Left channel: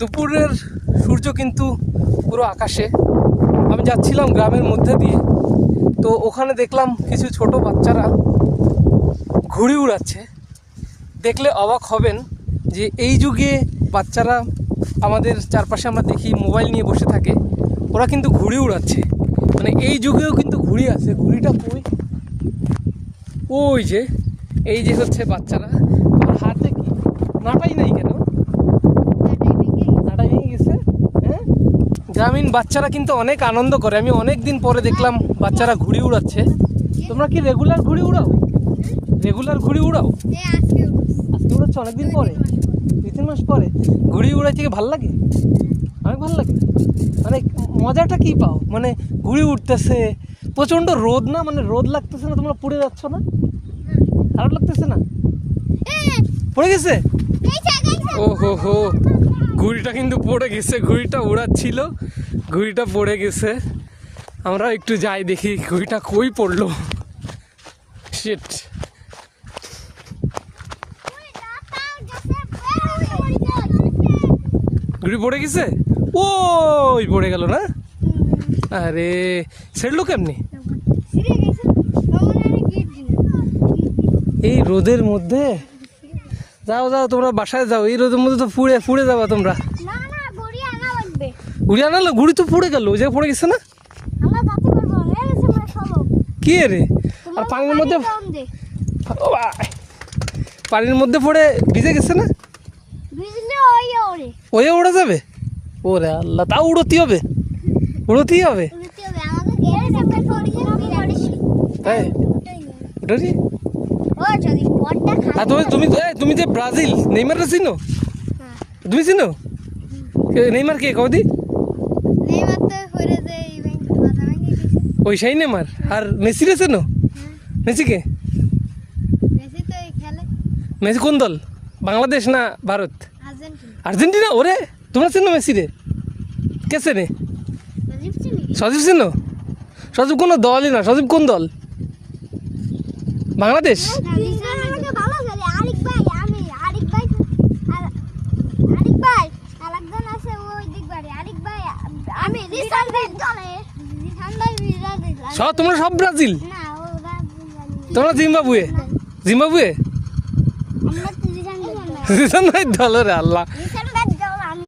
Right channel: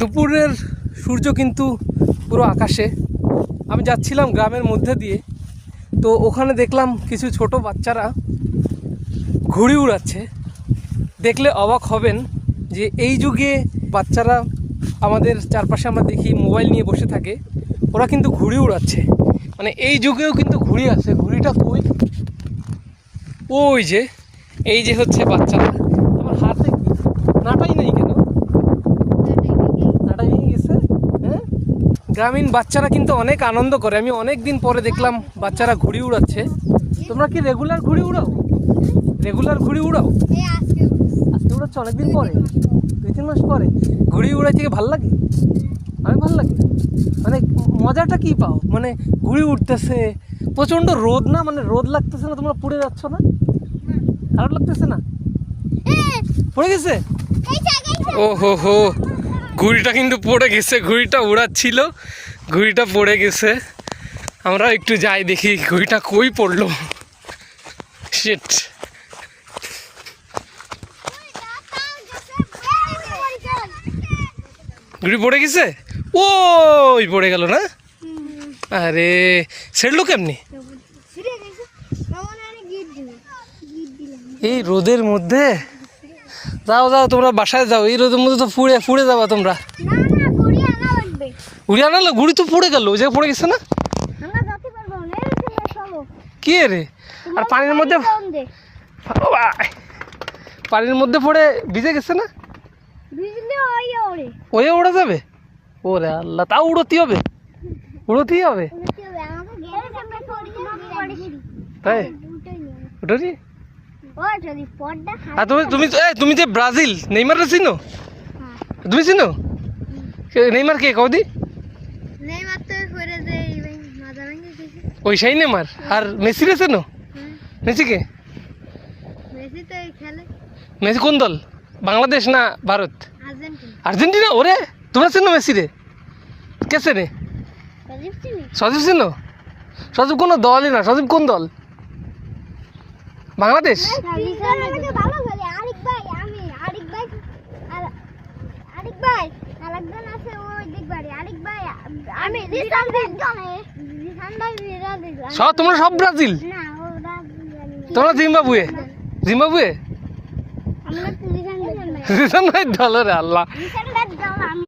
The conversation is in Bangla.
দুপুরের সূর্য কিন্তু পুরো আকাশে। আমি যাচ্ছিলাম গ্রামের মধ্যে দিয়ে, তো ওখানে দেখলাম কিছু ছোট বাচ্চারা ঘুড়ি উড়াচ্ছে। দেখলে অবাক হবেন যে এই যুগে বাচ্চারা আমাদের চারপাশে আমরা দেখি মোবাইল নিয়ে বসে থাকে, ওরা কিন্তু ঘুড়ি উড়াচ্ছে। মানে এই যুগেও কিন্তু ঘুড়ি আছে। ঘুড়িটা কই? ওই যে, এই যে হচ্ছে বাচ্চারা। আমার হাতে কি নাটাই নাই কেন? নাটা ভেঙে গেছে। হ্যাঁ, গ্রামীণ বাচ্চারা কিন্তু অনেক আনন্দ করে। আমি অনেক দিন পরে দেখলাম বাচ্চারা ঘুড়ি উড়াচ্ছে। তোমরা কি রেগুলার ঘুড়ি উড়াও? রেগুলার ঘুড়ি উড়াও? আজকে উড়াচ্ছ অনেকদিন পরে, 2-3 মাস পরে। ঘুড়ি উড়াইতে কি ভালো লাগে? অনেক ভালো লাগে। মানে মজাটা কি পাও? মানে ঘুড়ি উঠতেছে, প্রচণ্ড রোদ না, মানে রোদ লাগতেছে না? তোমরা পুড়ে যাচ্ছ না? খারাপ লাগতেছে না? পড়ে গেছে? ও হো হো, ঘুড়িটা কিন্তু পড়ে গেছে। ঘুড়িটা উড়াচ্ছিল, ঘুড়িটা পড়ে গেছে। আমরা একটু যাই দেখি ঘুড়িটা কই পড়লো। শিট, ঘুড়ি পড়ে গেছে। ওই পড়ে গেল না? আরে ছেড়লো কেমনি? এই রোদের মধ্যে? যাও যাও, তোমরা বাসায় যাও। এই রোদের মধ্যে তো পুড়ে যাবা তোমরা। ঘুড়ি আনালে? ঘুড়ি তো পড়ে গেল, যে পড়ে গেছে না? কি রে? আর পানির মধ্যে, পানির মধ্যে পড়ে ভিজে গেছে না? ওয়ে উড়ে যাবে? ওরে আল্লাহ, তাও উড়োতেই হবে? উড়োতেই হবে? তাই উঠোনি? আর তুমি যে ব্রাজিল নেইমারকে চিনো? তুমি চিনো নেইমার? কে কদি? ওই সেই নেইমার। আর মেসি রে চেনো? মেসি কে? মেসি কোন দল? বাংলাদেশ না ভারত? আর্জেন্টিনা। ওরে, তোমরা চেনো মেসি রে? কে চেনে? সজীব চেনো? সজীব কোনো দলই না। সজীব কোন দল? বাংলাদেশ। তোমরা সব ব্রাজিল? তোমরা জিম্বাবুয়ে? জিম্বাবুয়ে দলের আল্লাহ।